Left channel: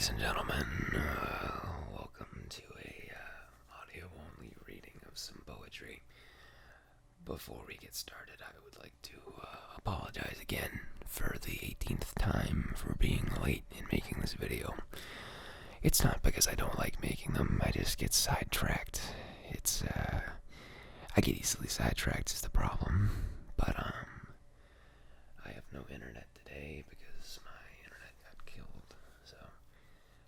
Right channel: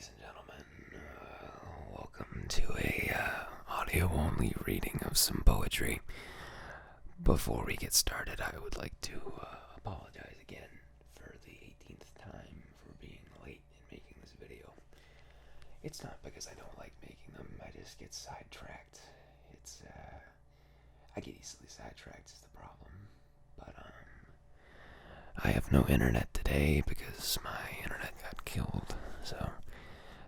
Ladies and gentlemen, welcome to a audio-only reading of some poetry. Before we get started, I would like to apologize again for the 18th time for being late in making this video. It's not because I don't like making them, I just get sidetracked. I get easily sidetracked is the problem. But, I have no internet today because my internet got killed, so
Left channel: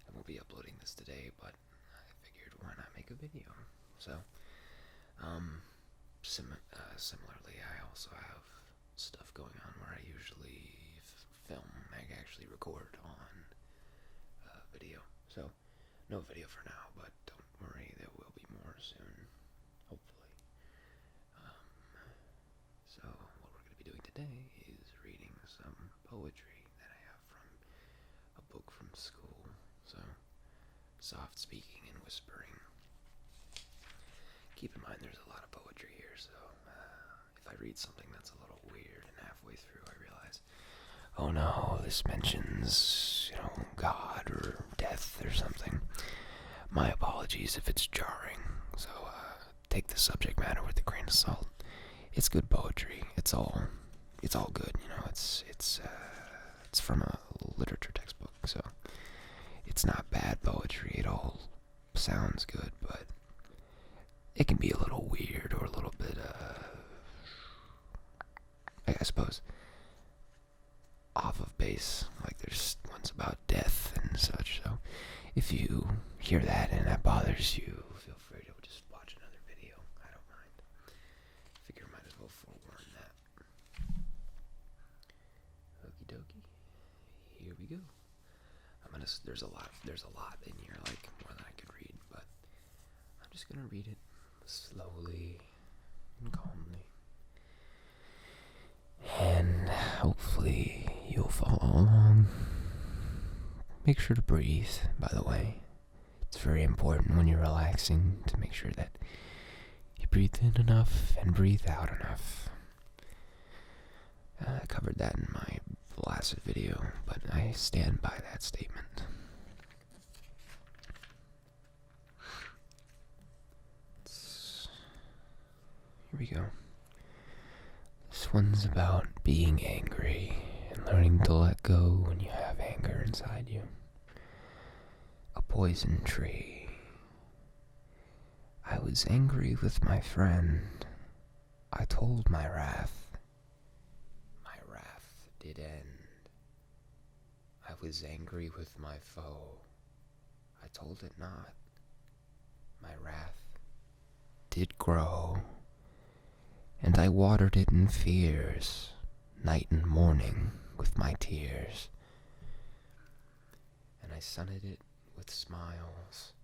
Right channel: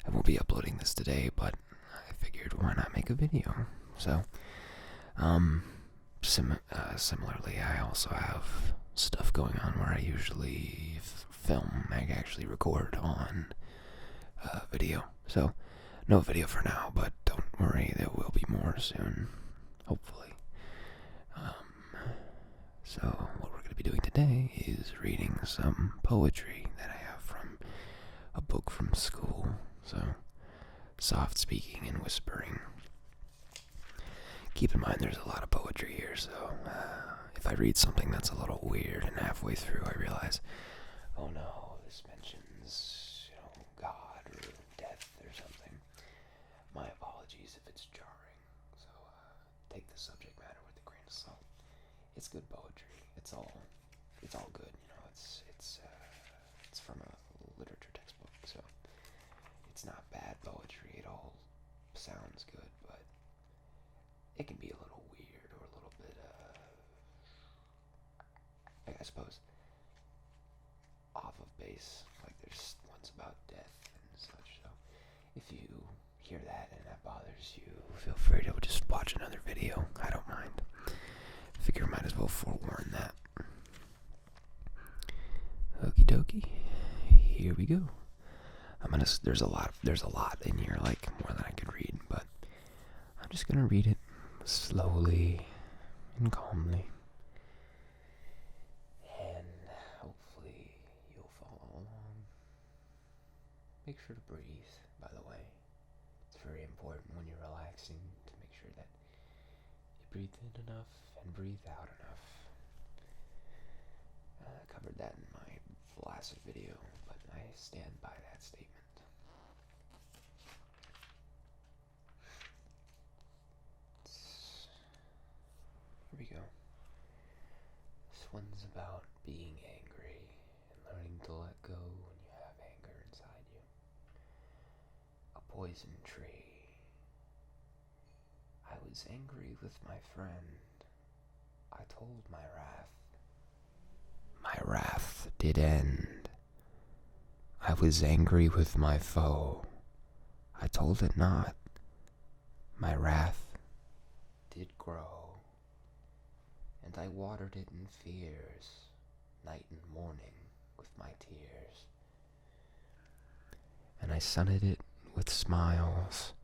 I won't be uploading this today, but I figured why not make a video. So, similarly, I also have stuff going on where I usually I actually record on video. So, no video for now, but don't worry, there will be more soon, hopefully. So, what we're going to be doing today is reading some poetry that I have from a book from school. So, soft speaking and whispering. Keep in mind there's a lot of poetry here, so if I read something that's a little weird and halfway through I realize, oh no, this mentions, God or death or something, my apologies if it's jarring. So, take the subject matter with a grain of salt. It's good poetry. It's all good. It's from a literature textbook, so it's not bad poetry. It all sounds good, but it can be a little weird or a little bit, I suppose, off of base. Like there's ones about death and such. So if you hear that and that bothers you, feel free to just watch another video. I don't mind. Figure might as well forewarn that. Okie dokie. Here we go. There's a lot in here, like more than I could read, but I'm just gonna read it slowly and calmly. And hopefully you'll follow along. Make sure to breathe, by the way. It's very important when you're relaxing to make sure that you breathe in enough and breathe out enough. I covered that in my last video, but I stand by that statement. Here we go. This one's about being angry and learning to let go when you have anger inside you. A poison tree. I was angry with my friend. I told my wrath. My wrath did end. I was angry with my foe. I told it not. My wrath did grow. And I watered it in fears, night and morning with my tears. And I sunned it with smiles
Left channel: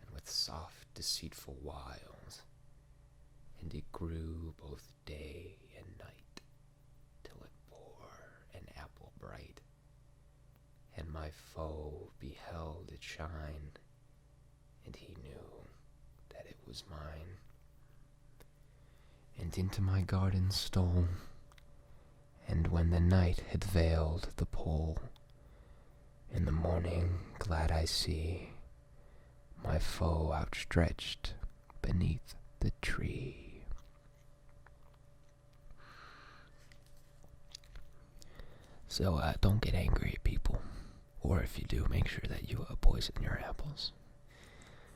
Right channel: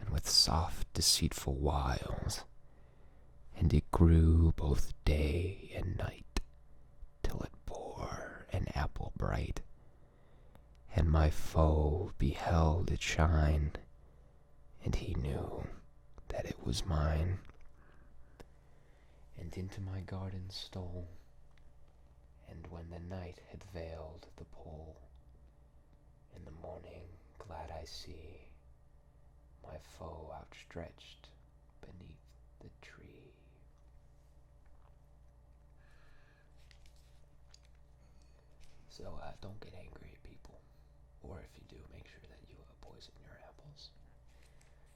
and with soft, deceitful wiles, and it grew both day and night, till it bore an apple bright, and my foe beheld it shine, and he knew that it was mine, and into my garden stole, and when the night had veiled the pole, in the morning glad I see my foe outstretched beneath the tree. So don't get angry at people, or if you do, make sure that you poison your apples.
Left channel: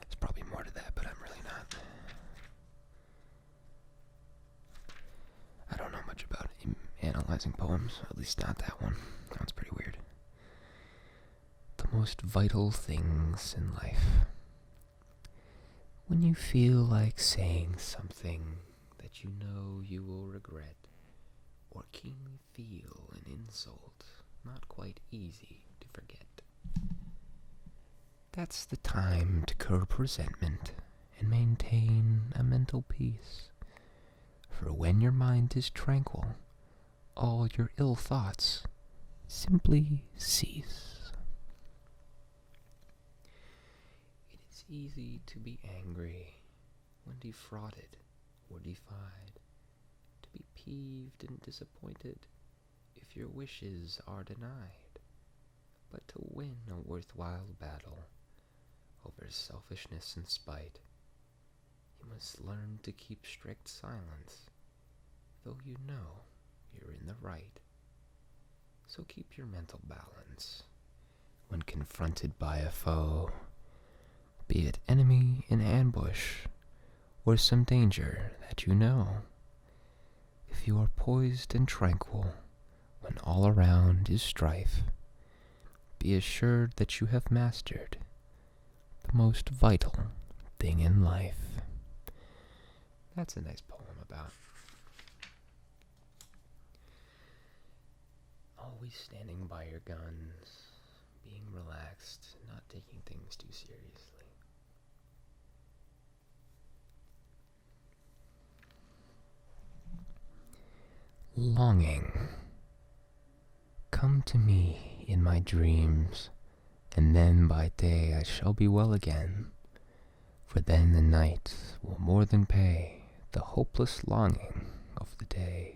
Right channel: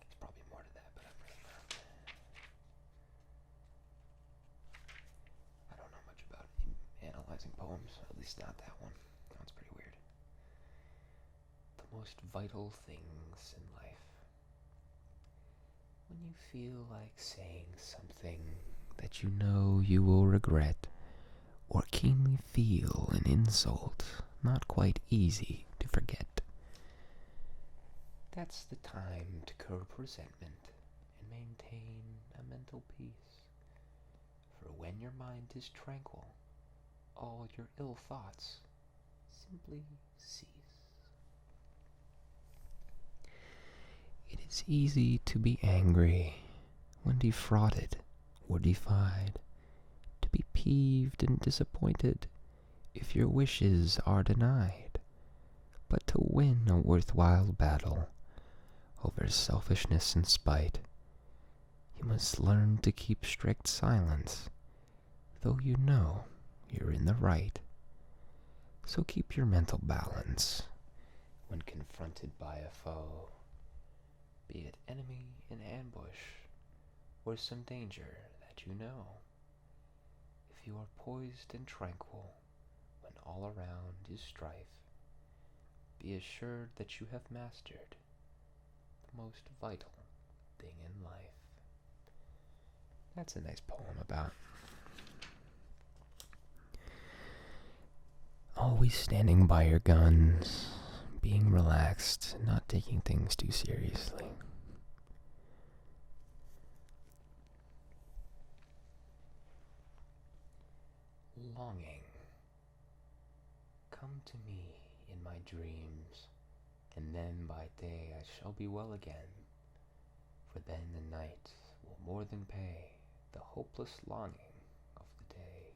There's probably more to that, but I'm really not. I don't know much about analyzing poems, at least not that one. That one's pretty weird. The most vital things in life. When you feel like saying something that you know you will regret, or keenly feel an insult not quite easy to forget, that's the time to curb resentment and maintain a mental peace. For when your mind is tranquil, all your ill thoughts simply cease. It is easy to be angry when defrauded or defied, to be peeved and disappointed if your wishes are denied. But To win a worthwhile battle over selfishness and spite, you must learn to keep strict silence, though you know you're in the right. So keep your mental balance when confronted by a foe, be it enemy in ambush or some danger that you know. If you are poised and tranquil when all around is strife, be assured that you have mastered the most vital thing in life. That's a nice poem about always standing by your guns, being relaxed, not taking things too seriously. Longing. Come to me in my dreams, and then by day I shall be well again. For then the night will more than pay the hopeless longing of the day.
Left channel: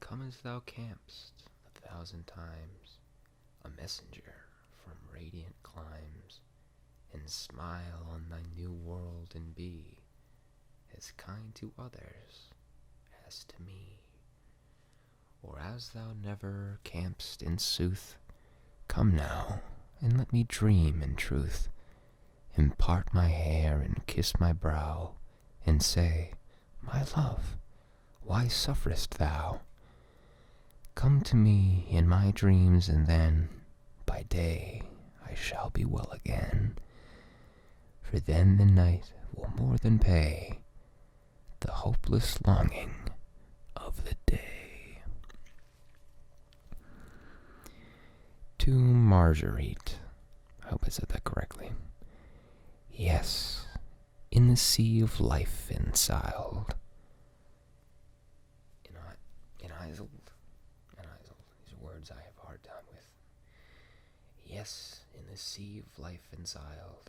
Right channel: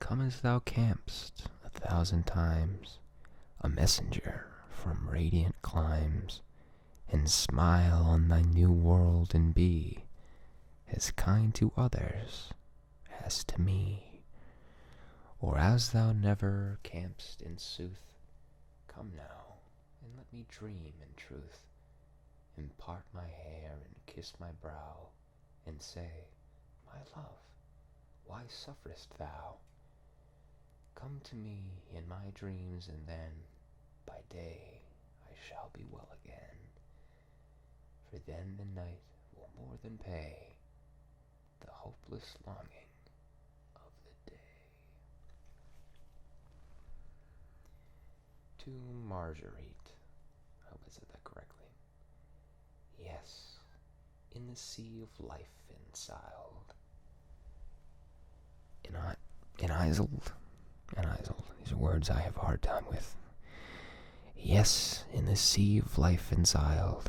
Come as thou camp'st 1,000 times, a messenger from radiant climes, and smile on thy new world and be as kind to others as to me. Or as thou never camp'st in sooth, come now, and let me dream in truth, and part my hair and kiss my brow, and say, my love, why sufferest thou? Come to me in my dreams, and then by day I shall be well again. For then the night will more than pay the hopeless longing of the day. To Marguerite. I hope I said that correctly. Yes, in the sea of life ensiled. Enisled. These are words I have a hard time with. Yes, in the sea of life ensiled,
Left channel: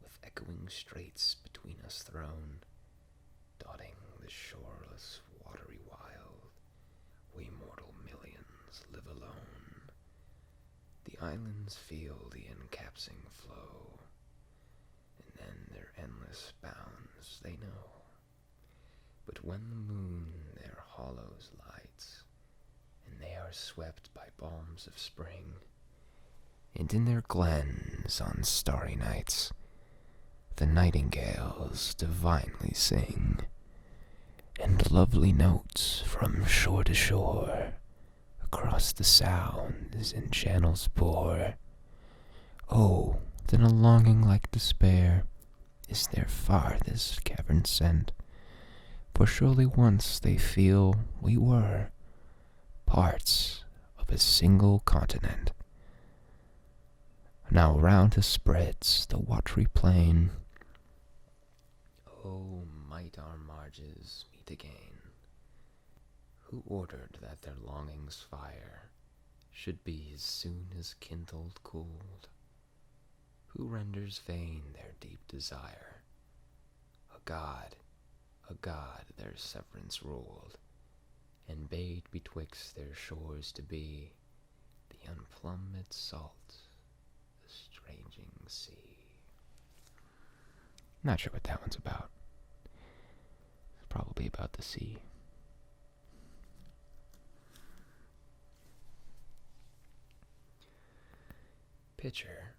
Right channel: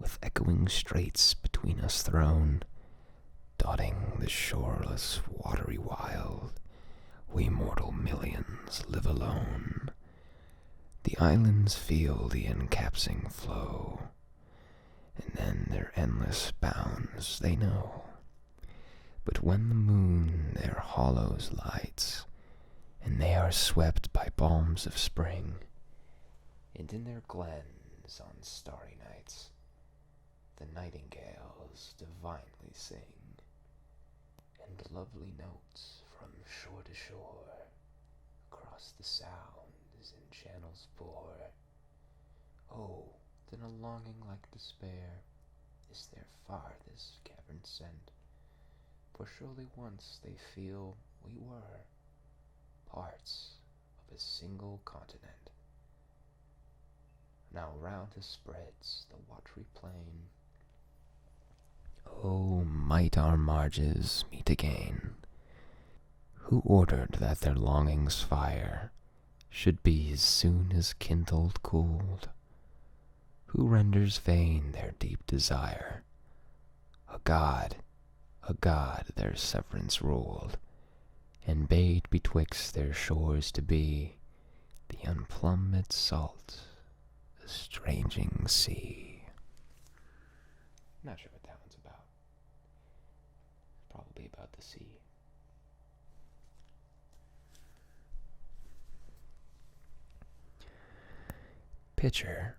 with echoing straits between us thrown, dotting the shoreless watery wild, we mortal millions live alone. The islands feel the encapsing flow, and then their endless bounds they know. But when the moon their hollows lights, and they are swept by balms of spring, and in their glens on starry nights the nightingales divinely sing, and lovely notes from shore to shore across the sounds and channels pour. Oh, then a longing like despair is their farthest cavern sent, for surely once they feel we were parts of a single continent. Now round us spreads the watery plain. Oh, might our marges meet again. Who ordered that their longing's fire should be as soon as kindled cooled? Who renders vain their deep desire? A god their severance ruled, and bade betwixt their shores to be the unplumbed salt, estranging sea. Not sure what that one's about. It's probably about the sea. Pitcher.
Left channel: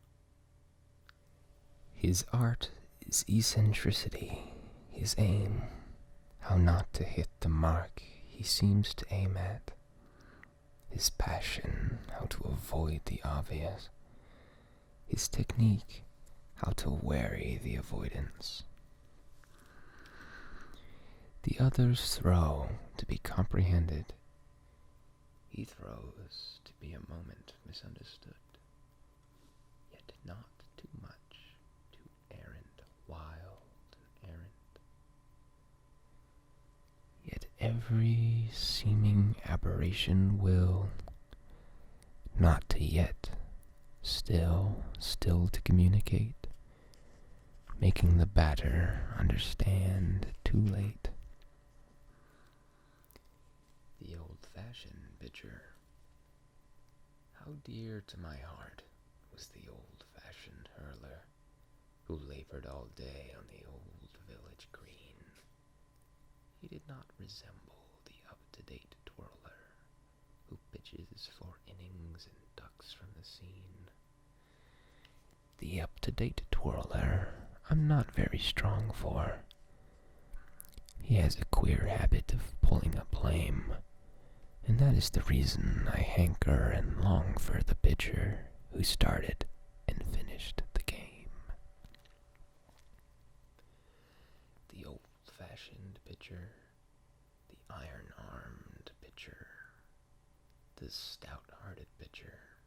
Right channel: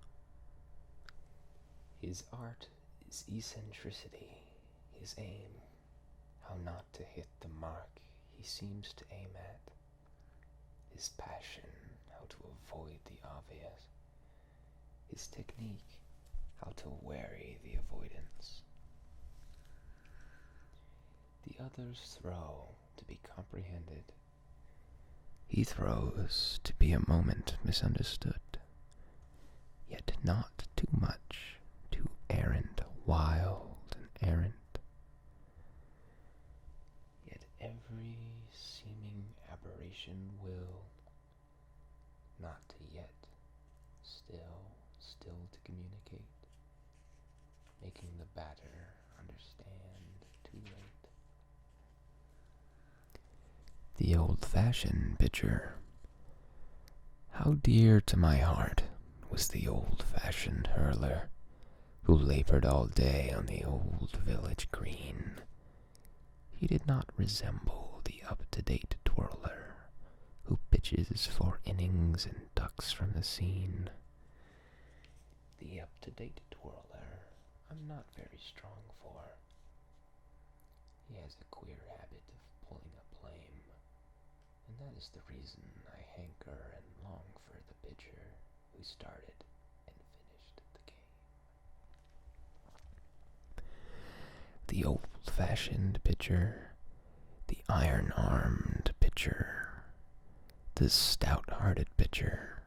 His art is eccentricity, his aim, how not to hit the mark he seems to aim at, his passion, how to avoid the obvious, his technique, how to wary the avoidance. The others throw to be comprehended, he throws to be a moment misunderstood, yet not too much, too errant, wild and errant. Yet every seeming aberration will not to yet, still to communicate, making the batter understand too late. The old-fashioned pitcher, How dear to my heart was the old-fashioned hurler who labored all day on the old village green. He did not resemble the up-to-date twirler who pitches for innings and ducks from the scene. The up-to-date twirler I'm not very strong for. He has a queer habit of pulling up lame, and that is the reason I hanker and long for the pitcher who started and finished the game. The old-fashioned pitcher, the iron-armed pitcher, the stout-hearted pitcher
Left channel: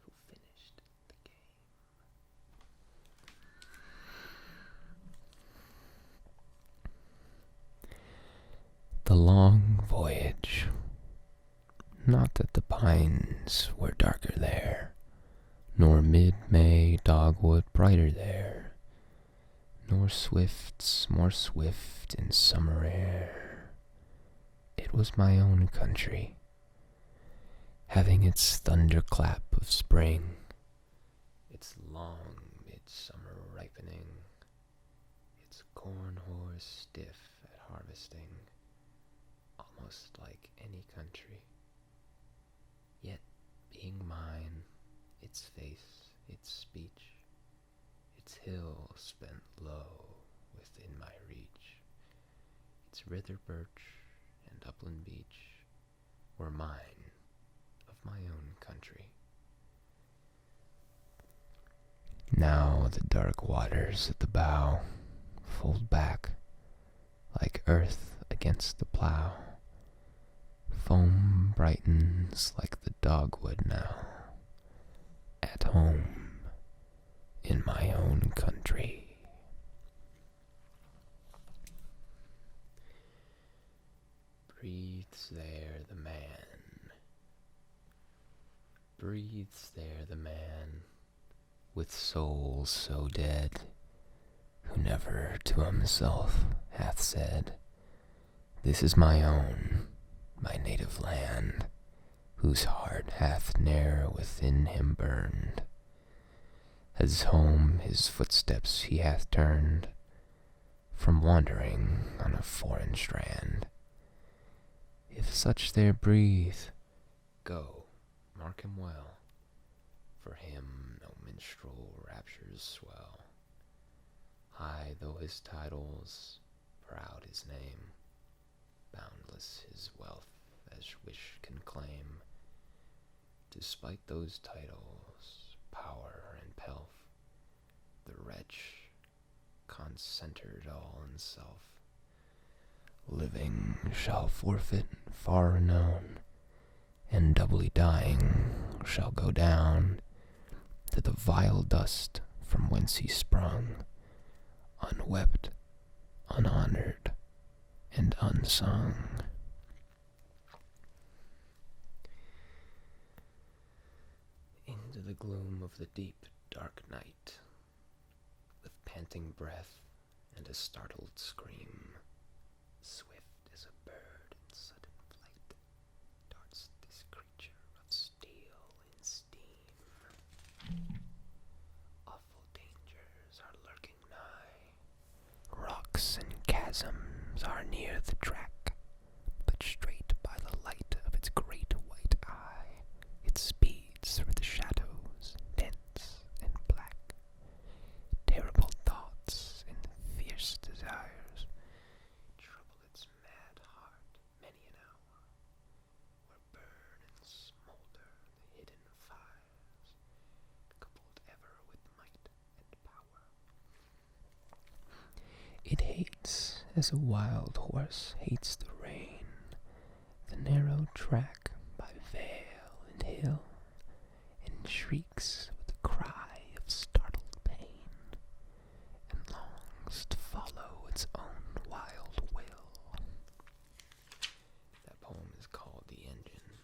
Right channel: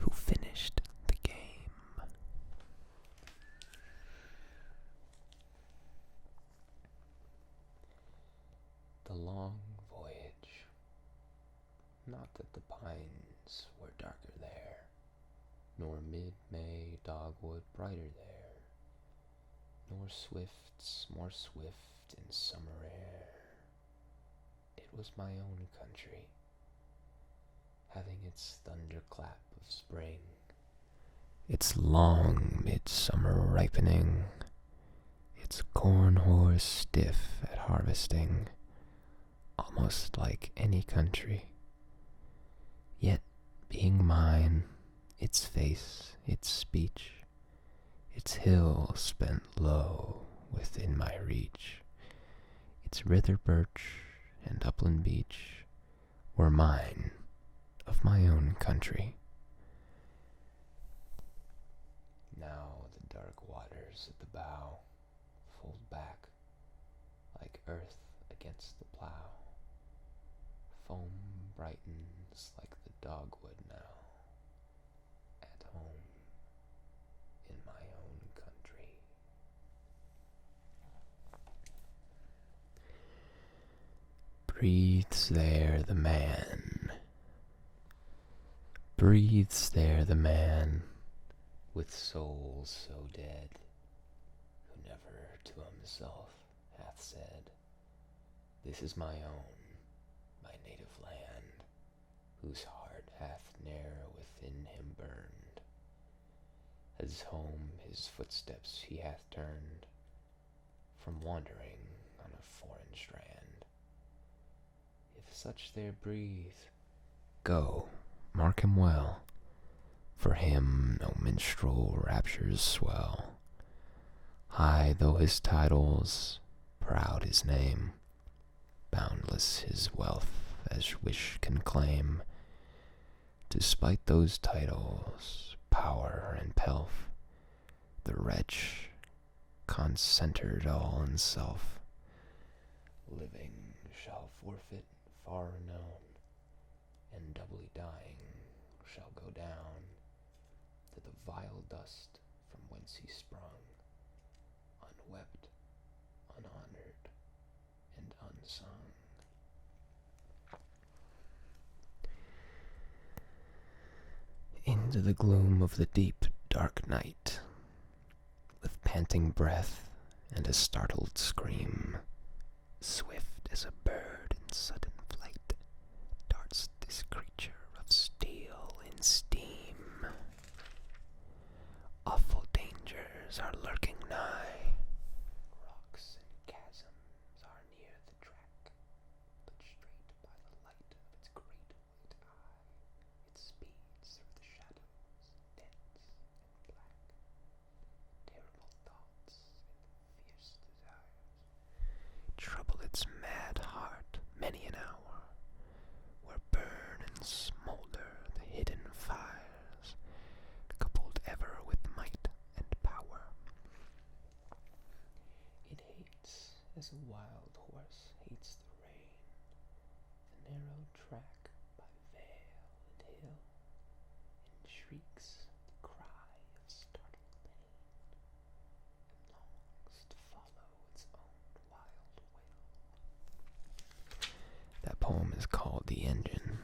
who finished the game. The long voyage. Not that the pines were darker there, nor mid-May dogwood brighter there, nor swifts more swift in summer air. It was my own country, having its thunderclap of spring, its long midsummer ripening, its corn horse stiff at harvesting, almost like any country. Yet, being mine, its face, its speech, its hill spent low within my reach, its rither birch and upland beech were mine, of my own country. Now the dark waters at the bow fold back like earth against the plow. Foam brightens like the dogwood now, at home in my own country. Breathes there the man, breathes there the man, with soul so dead, who never to himself hath said, "This is my own, my native land, whose heart hath ne'er within him burned. As home his footsteps he hath turned, from wandering on a foreign strand. If such there breathe, go, mark him well, for him no minstrel raptures swell. High though his titles, proud his name, boundless his wealth as wish can claim, despite those titles, power and pelf, the wretch, concentred all in self, living shall forfeit far renown, and doubly dying shall go down to the vile dust from whence he sprung, unwept, unhonored, and unsung." Into the gloom of the deep, dark night, with panting breath and a startled scream, swift as a bird in sudden flight, darts this creature of steel and steam. Awful dangers are lurking nigh, rocks and chasms are near the track, but straight by the light of its great white eye, it speeds through the shadows, dense and black. Terrible thoughts and fierce desires trouble its mad heart many an hour, where burn and smolder the hidden fires, coupled ever with might and power. It hates as a wild horse hates the rain, the narrow track by vale and hill, and shrieks with a cry of startled pain, and longs to follow its own wild will. That poem is called The Engine.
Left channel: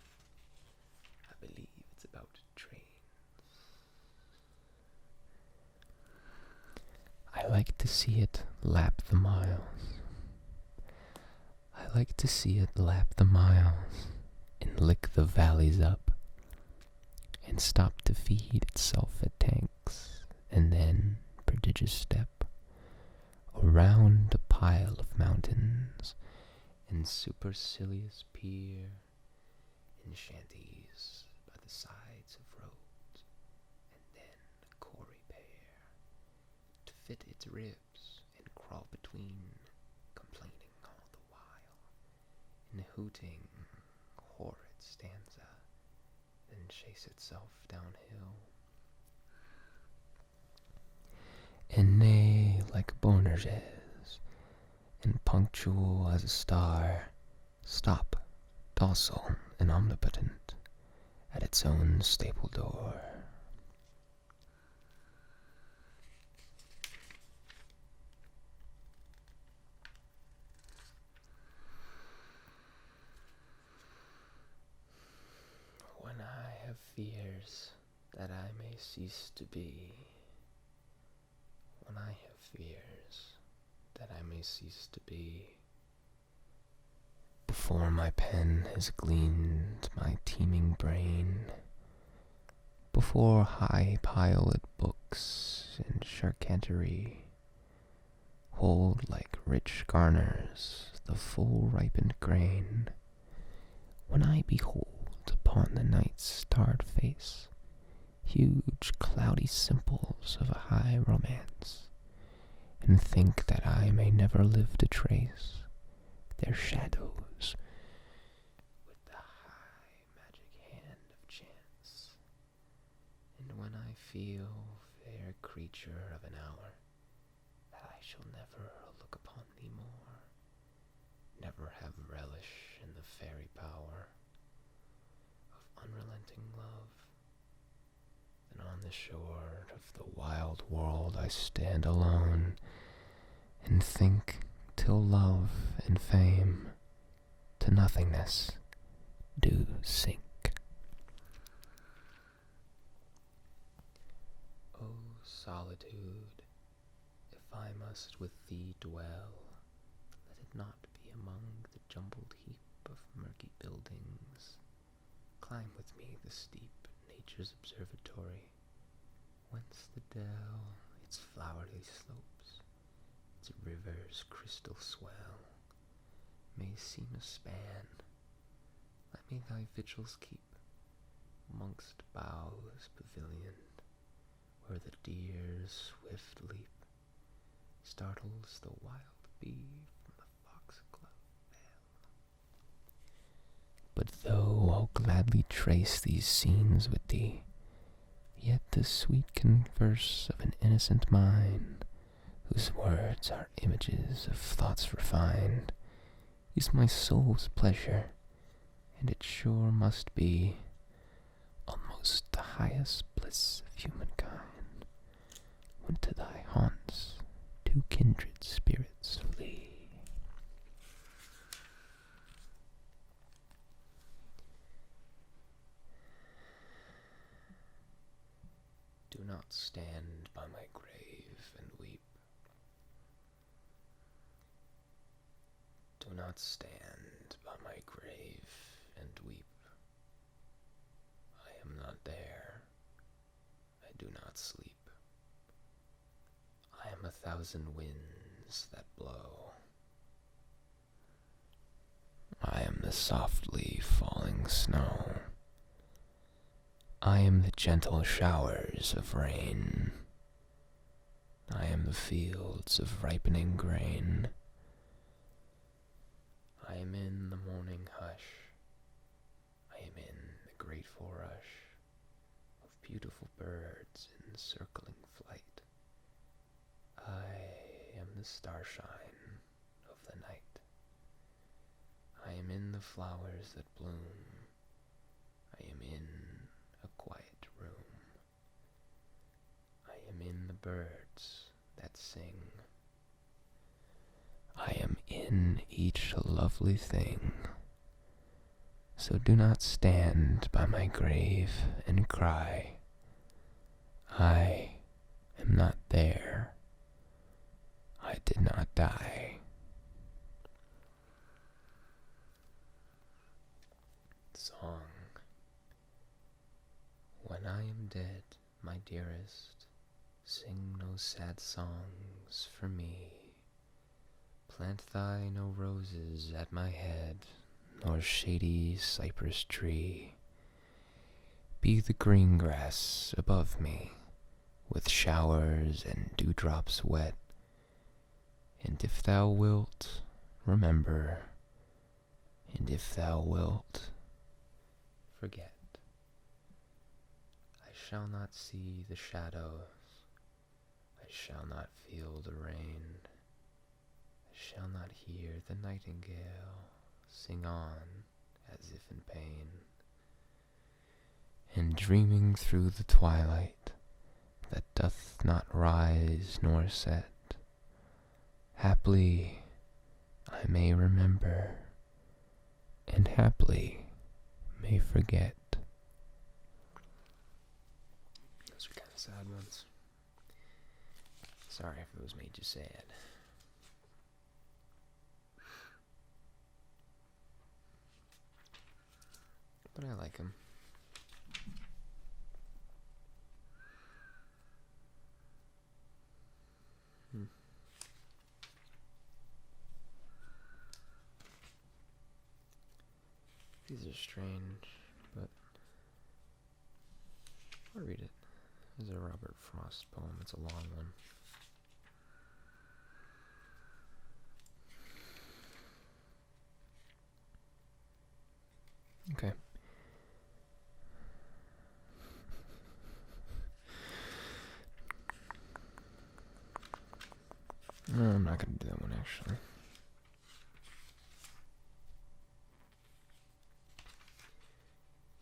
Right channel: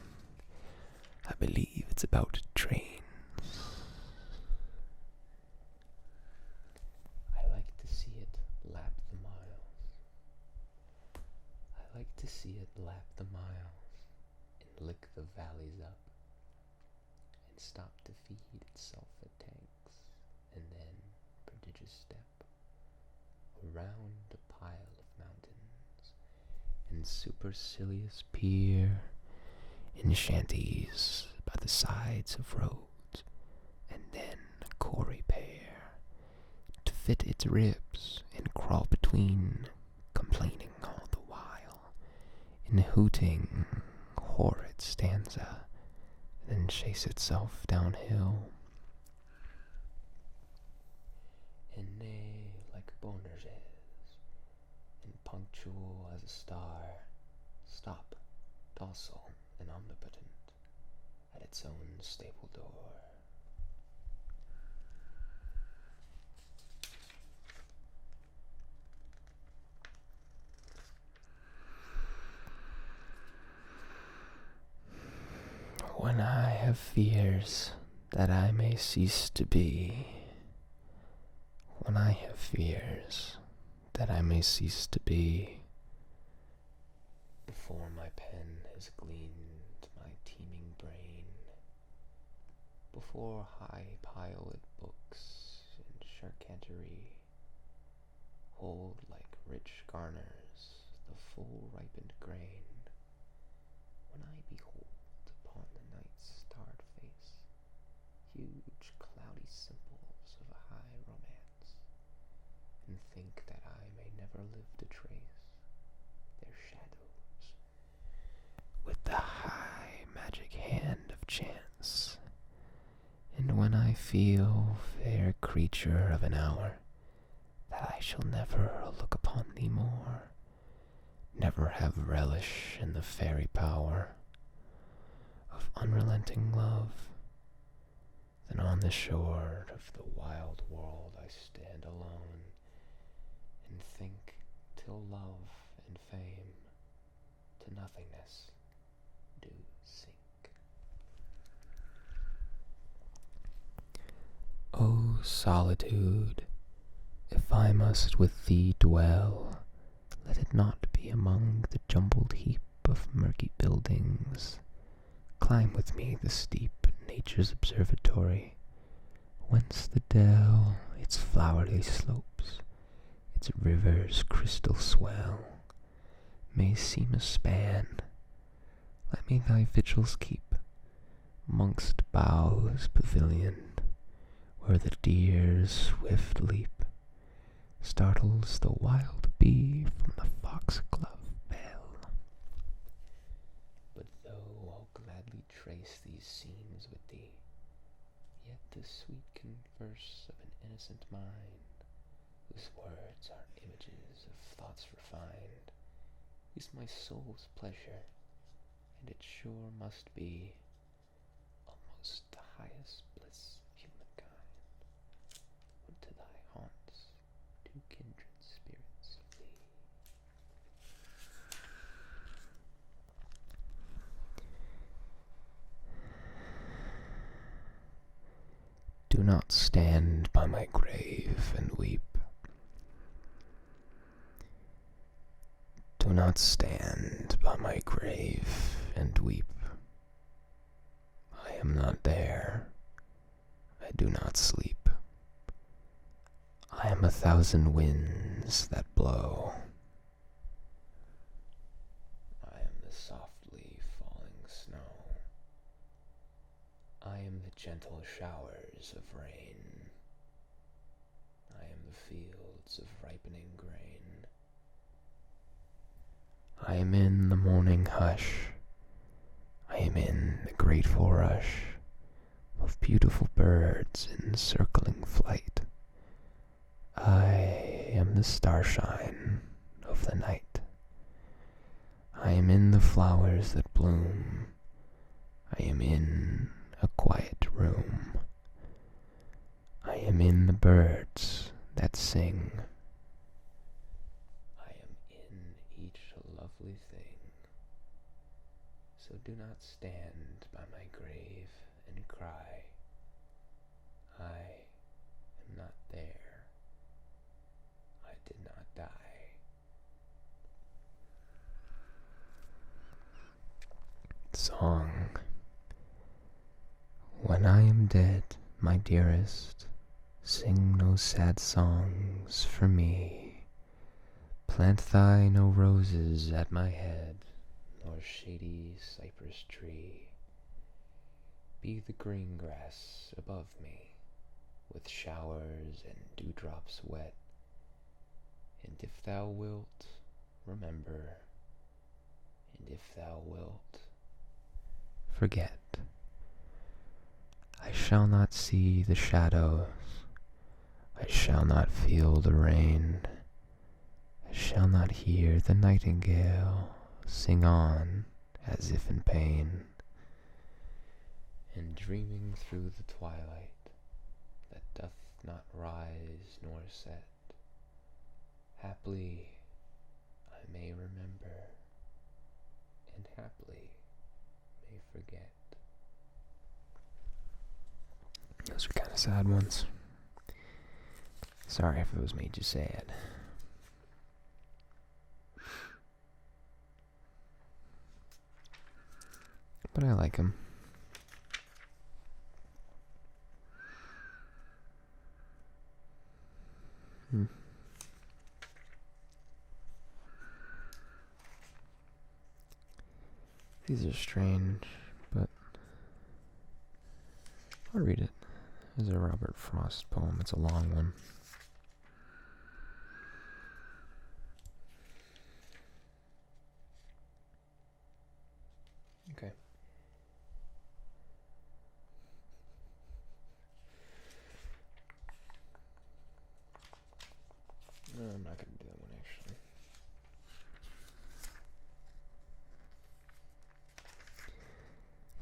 I believe it's about trains. I like to see it lap the miles. I like to see it lap the miles and lick the valleys up, and stop to feed itself at tanks, and then, prodigious step, around a pile of mountains, and supercilious peer in shanties by the sides of roads, and then a quarry pair, to fit its ribs and crawl between, complaining all the while, in hooting horrid stanza, then chase itself downhill. And they, like Bonerges, and punctual as a star, stop, docile and omnipotent, at its own stable door. When I have fears that I may cease to be, when I have fears that I may cease to be, before my pen has gleaned my teeming brain, before high-piled books and charcuterie hold like rich garners the full ripened grain, when I behold upon the night's starred face huge cloudy simples of a high romance, and think that I may never live to trace their shadows with the high magic hand of chance, and when I feel, fair creature of an hour, that I shall never look upon thee more, never have relish in the fairy power of unrelenting love, then on the shore of the wild world I stand alone, and think till love and fame to nothingness do sink. O solitude, if I must with thee dwell, let it not be among the jumbled heap of murky buildings. Climb with me the steep nature's observatory, whence the dell its flowery slopes, its river's crystal swell, may seem a span. Let me thy vigils keep, mongst boughs pavilioned, where the deer's swift leap startles the wild bee from the foxglove bell. But though I'll gladly trace these scenes with thee, yet the sweet converse of an innocent mind, whose words are images of thoughts refined, is my soul's pleasure, and it sure must be almost the highest bliss of humankind, when to thy haunts two kindred spirits flee. Do not stand by my grave and weep. Do not stand by my grave and weep. I am not there. I do not sleep. I am 1,000 winds that blow. I am the softly falling snow. I am the gentle showers of rain. I am the fields of ripening grain. I am in the morning hush. I am in the grateful rush of beautiful birds in circling flight. I am the starshine of the night. I am in the flowers that bloom. I am in a quiet room. I am in the birds that sing. I am in each lovely thing. So do not stand by my grave and cry, I am not there. I did not die. Song. When am dead, my dearest, sing no sad songs for me. Plant thou no roses at my head, nor shady cypress tree. Be the green grass above me, with showers and dewdrops wet. And if thou wilt, remember, and if thou wilt, forget. I shall not see the shadows, I shall not feel the rain, I shall not hear the nightingale sing on as if in pain. And dreaming through the twilight that doth not rise nor set, haply I may remember, and haply may forget. Those are kind of sad ones. Sorry if those made you sad. But I like them. These are strange, but I'll read it. This is a Robert Frost poem. It's a long one. Okay. No, I'm not going to do that one, actually.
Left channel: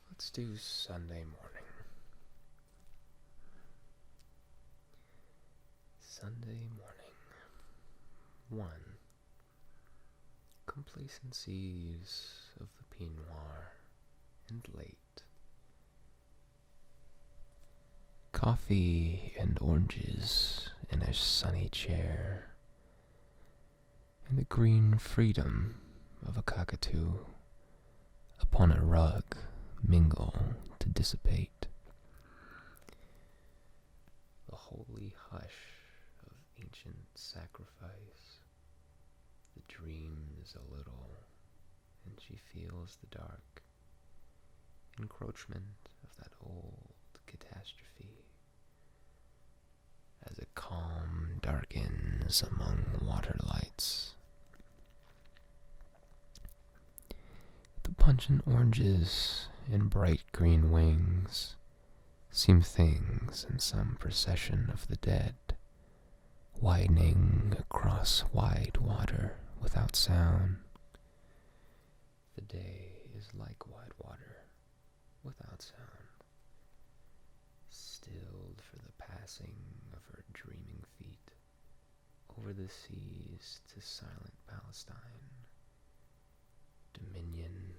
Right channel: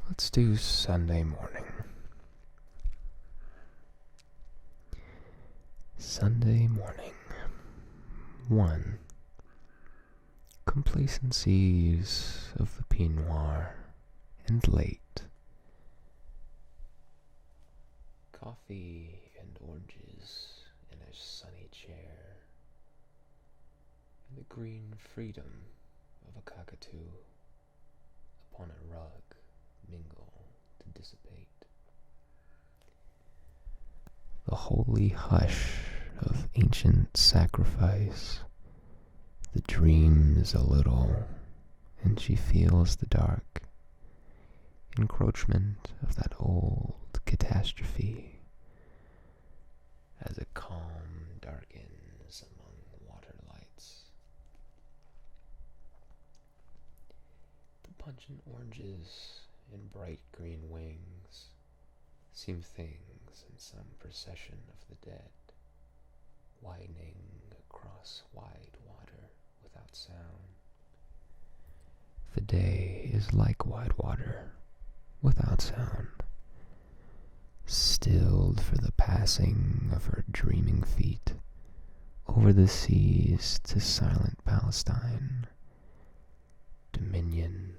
Let's do Sunday morning. Sunday morning. 1. Complacencies of the Pinot Noir and late. Coffee and oranges in a sunny chair, and the green freedom of a cockatoo upon a rug mingle to dissipate. The holy hush of ancient sacrifice, the dreams a little, and she feels the dark encroachment of that old catastrophe as a calm darkens among water lights. The pungent oranges and bright green wings seem things in some procession of the dead, widening across wide water without sound. The day is like wide water without sound, stilled for the passing of her dreaming feet over the seas to silent Palestine, dominion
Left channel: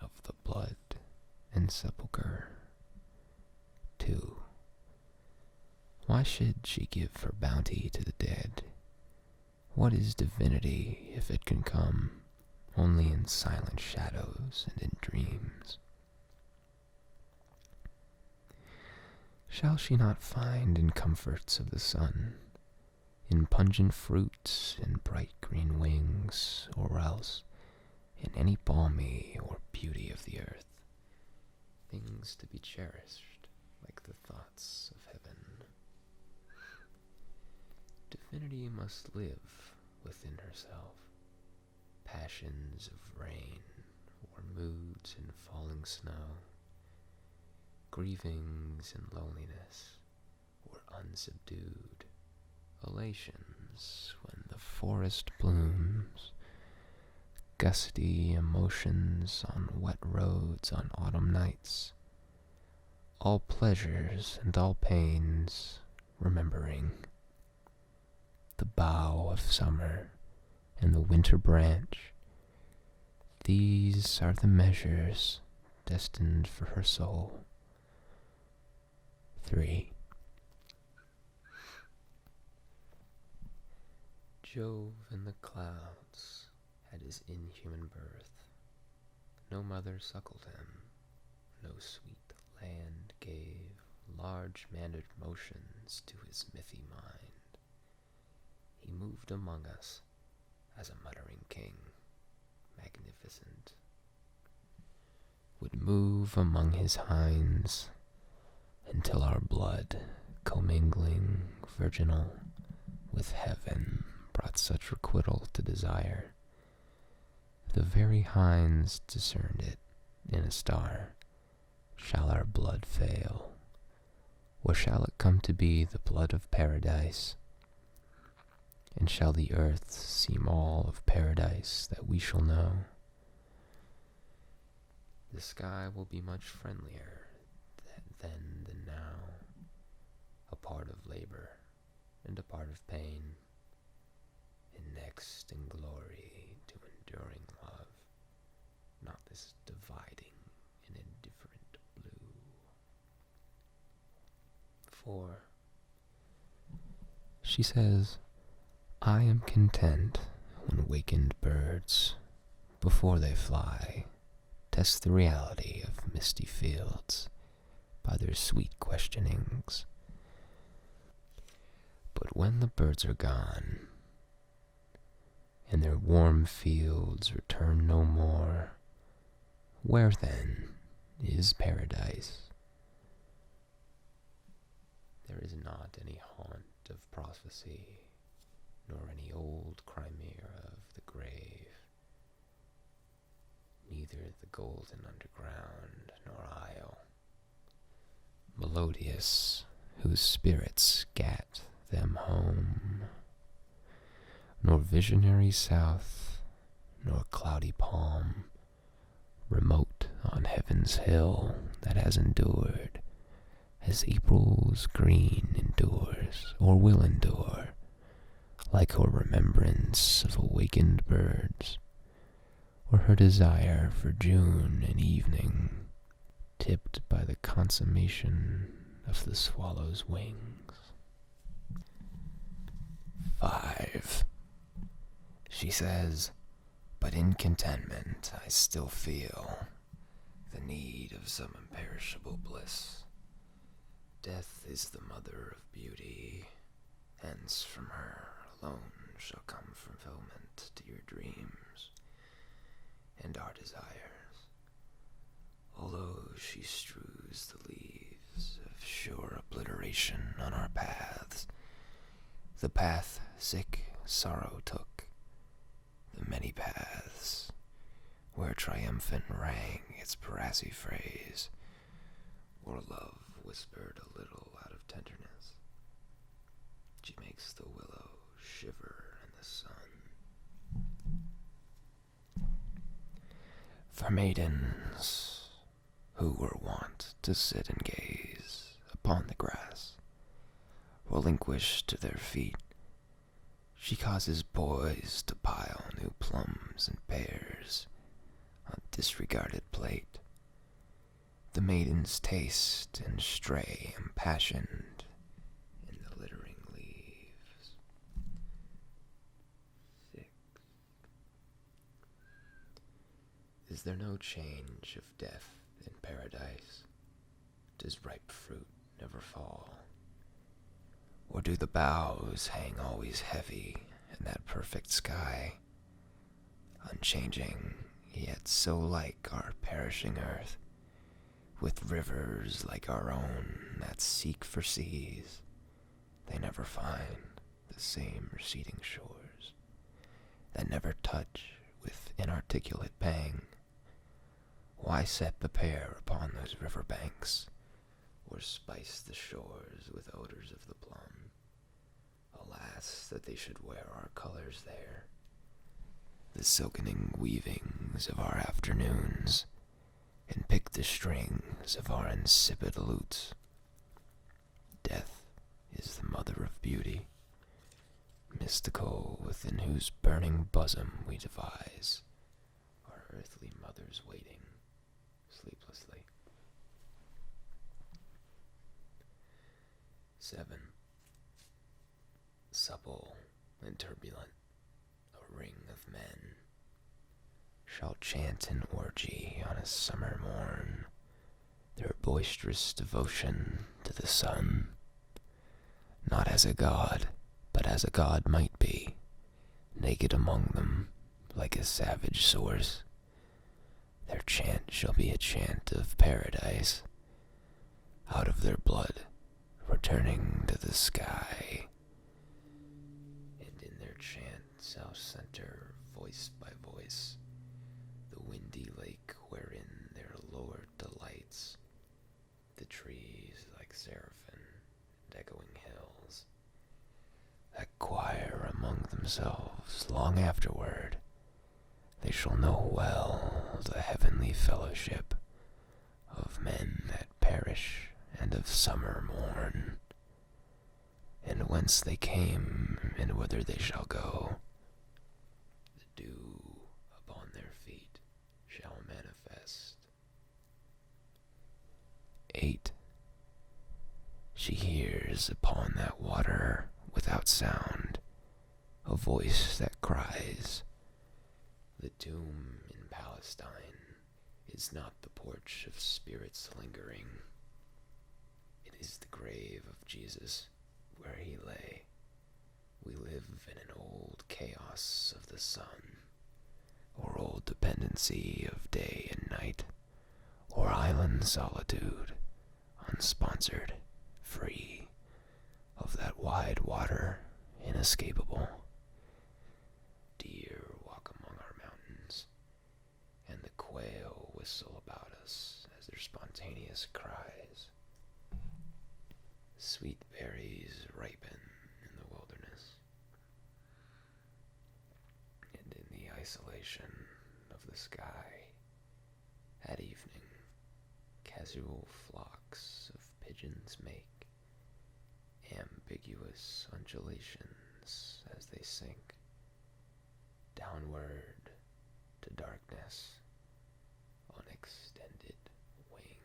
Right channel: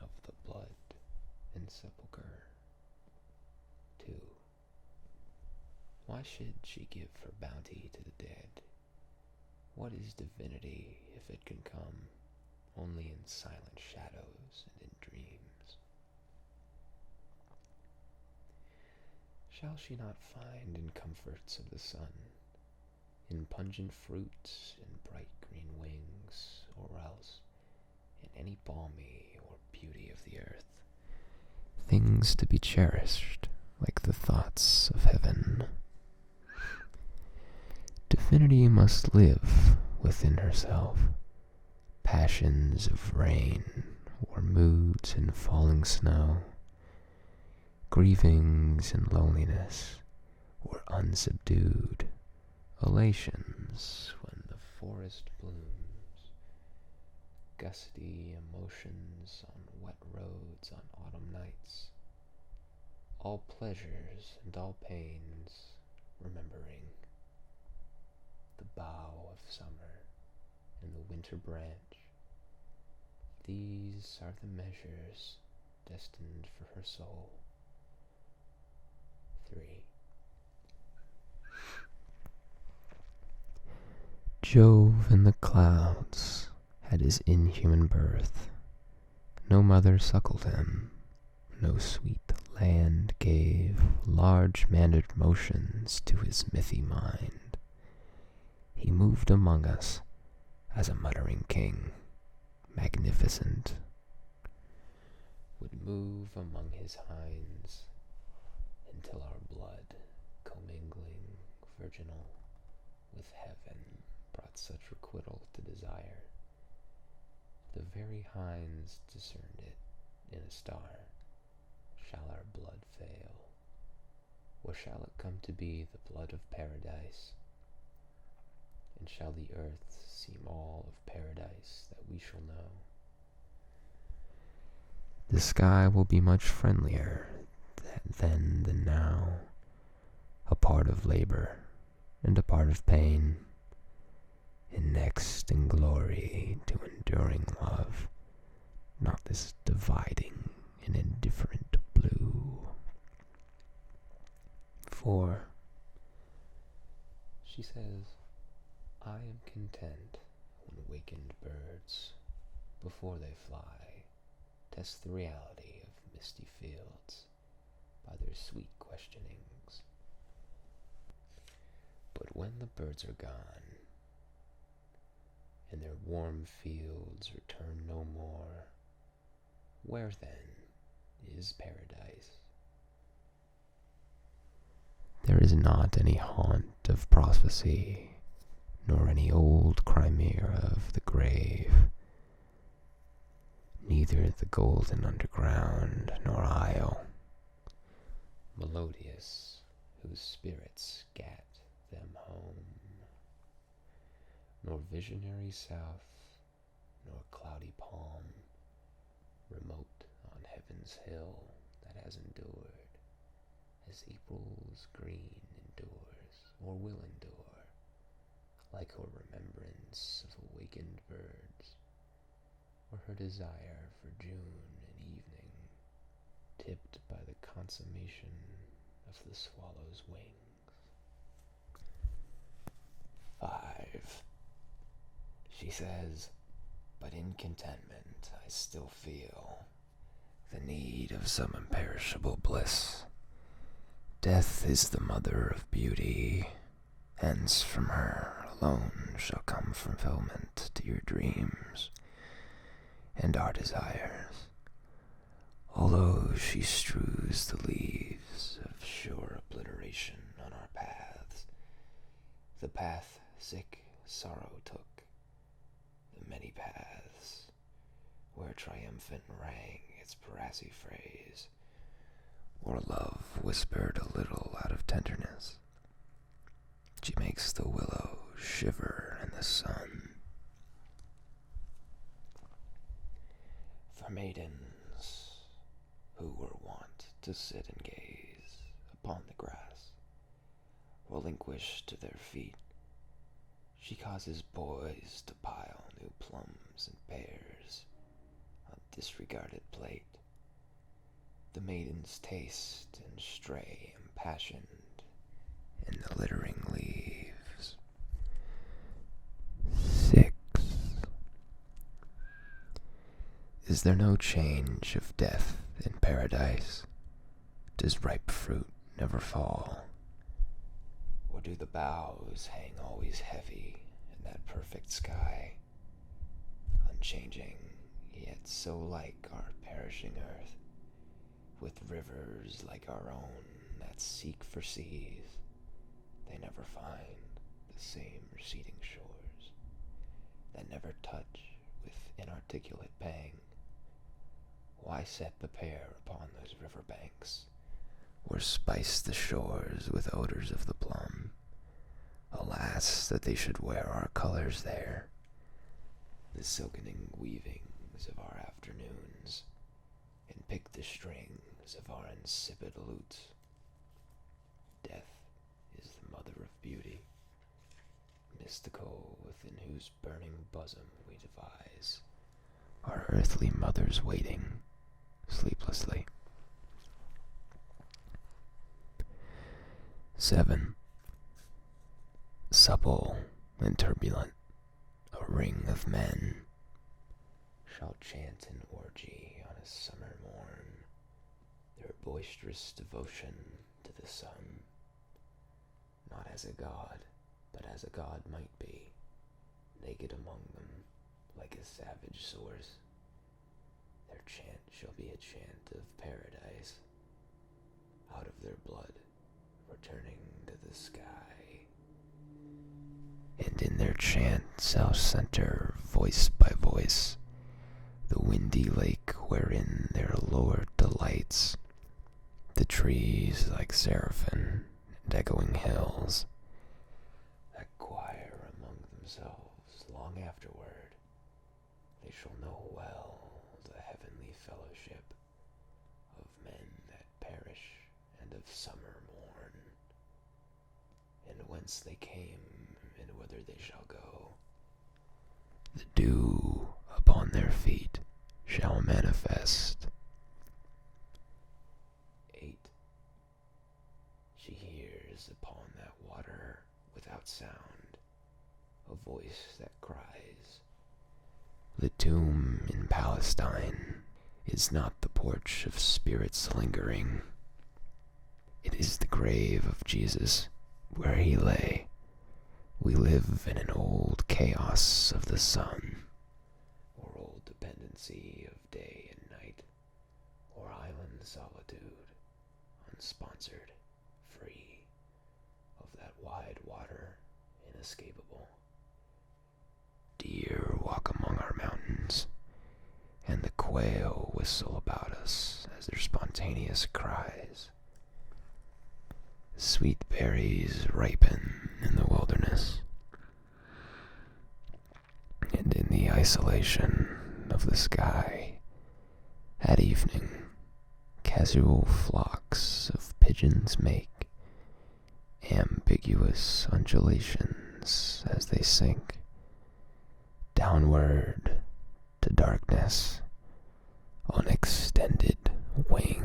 of the blood and sepulchre. 2. Why should she give her bounty to the dead? What is divinity if it can come only in silent shadows and in dreams? Shall she not find in comforts of the sun, in pungent fruits and bright green wings, or else in any balmy or beauty of the earth, things to be cherished like the thoughts of heaven? Divinity must live within herself, passions of rain or moods in falling snow, grievings and loneliness or unsubdued elations when the forest blooms, gusty emotions on wet roads on autumn nights, all pleasures and all pains, remembering the bough of summer and the winter branch. These are the measures destined for her soul. 3. Jove in the clouds had his inhuman birth. No mother suckled him, no sweet land gave large-mannered motions to his mithy mind. He moved among us as a muttering king, magnificent, would move among his hinds until our blood, commingling virginal with heaven, brought such requital to desire. The very hinds discerned it in a star. Shall our blood fail, or shall it come to be the blood of paradise? And shall the earth seem all of paradise that we shall know? The sky will be much friendlier then than now, a part of labor and a part of pain, and next in glory to enduring love, not this dividing and indifferent blue. 4. She says, I am content when wakened birds, before they fly, test the reality of misty fields by their sweet questionings. But when the birds are gone, and their warm fields return no more, where then is paradise? There is not any haunt of prophecy, nor any old chimera of the grave, neither the golden underground nor isle, melodious, whose spirits gat them home, nor visionary south, nor cloudy palm, remote on heaven's hill that has endured, as April's green endures, or will endure, like her remembrance of awakened birds, or her desire for June and evening, tipped by the consummation of the swallow's wings. 5. She says, but in contentment I still feel the need of some imperishable bliss. Death is the mother of beauty, hence from her alone shall come fulfillment to your dreams and our desires. Although she strews the leaves of sure obliteration on our paths, the path sick sorrow took, the many paths, where triumphant rang its brassy phrase, or love whispered a little out of tenderness. She makes the willow shiver in the sun. For maidens who were wont to sit and gaze upon the grass, relinquished to their feet, she causes boys to pile new plums and pears on disregarded plate. The maidens taste and stray impassioned in the littering leaves. 6. Is there no change of death in paradise? Does ripe fruit never fall? Or do the boughs hang always heavy in that perfect sky, unchanging, yet so like our perishing earth, with rivers like our own that seek for seas, they never find the same receding shores, that never touch with inarticulate pang? Why set the pair upon those river banks, or spice the shores with odors of the plum? Alas, that they should wear our colors there, the silkening weavings of our afternoons, and pick the strings of our insipid lutes. Death is the mother of beauty, mystical within whose burning bosom we devise our earthly mothers waiting sleeplessly. 7. Supple and turbulent, a ring of men shall chant an orgy on a summer morn, their boisterous devotion to the sun, not as a god, but as a god might be, naked among them, like a savage source. Their chant shall be a chant of paradise, out of their blood, returning to the sky. And in their chant shall center, voice by voice, the windy lake wherein their Lord delights, the trees like seraphim, and echoing hills, that choir among themselves long afterward. They shall know well the heavenly fellowship of men that perish and of summer morn, and whence they came and whither they shall go. The dew upon their feet shall manifest. 8. She hears upon that water without sound a voice that cries, the tomb in Palestine is not the porch of spirits lingering. It is the grave of Jesus where he lay. We live in an old chaos of the sun, or old dependency of day and night, or island solitude, unsponsored, free, of that wide water, inescapable. Deer walk among our mountains, and the quail whistle about us as their spontaneous cries. Sweet berries ripen in the wilderness, and in the isolation of the sky, at evening, casual flocks of pigeons make ambiguous undulations as they sink downward to darkness on extended wings.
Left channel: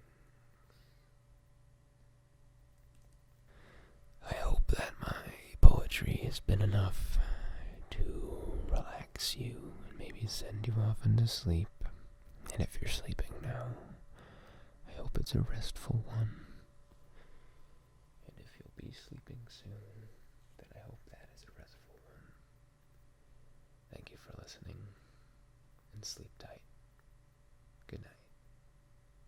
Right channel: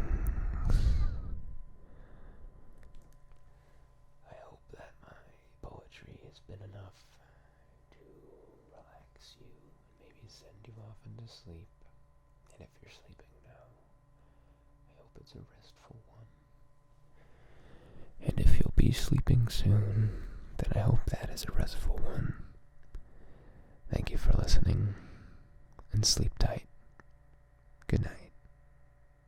I hope that my poetry has been enough to relax you and maybe send you off into sleep. And if you're sleeping now, I hope it's a restful one. And if you'll be sleeping soon, then I hope that is a restful one. Thank you for listening, and sleep tight.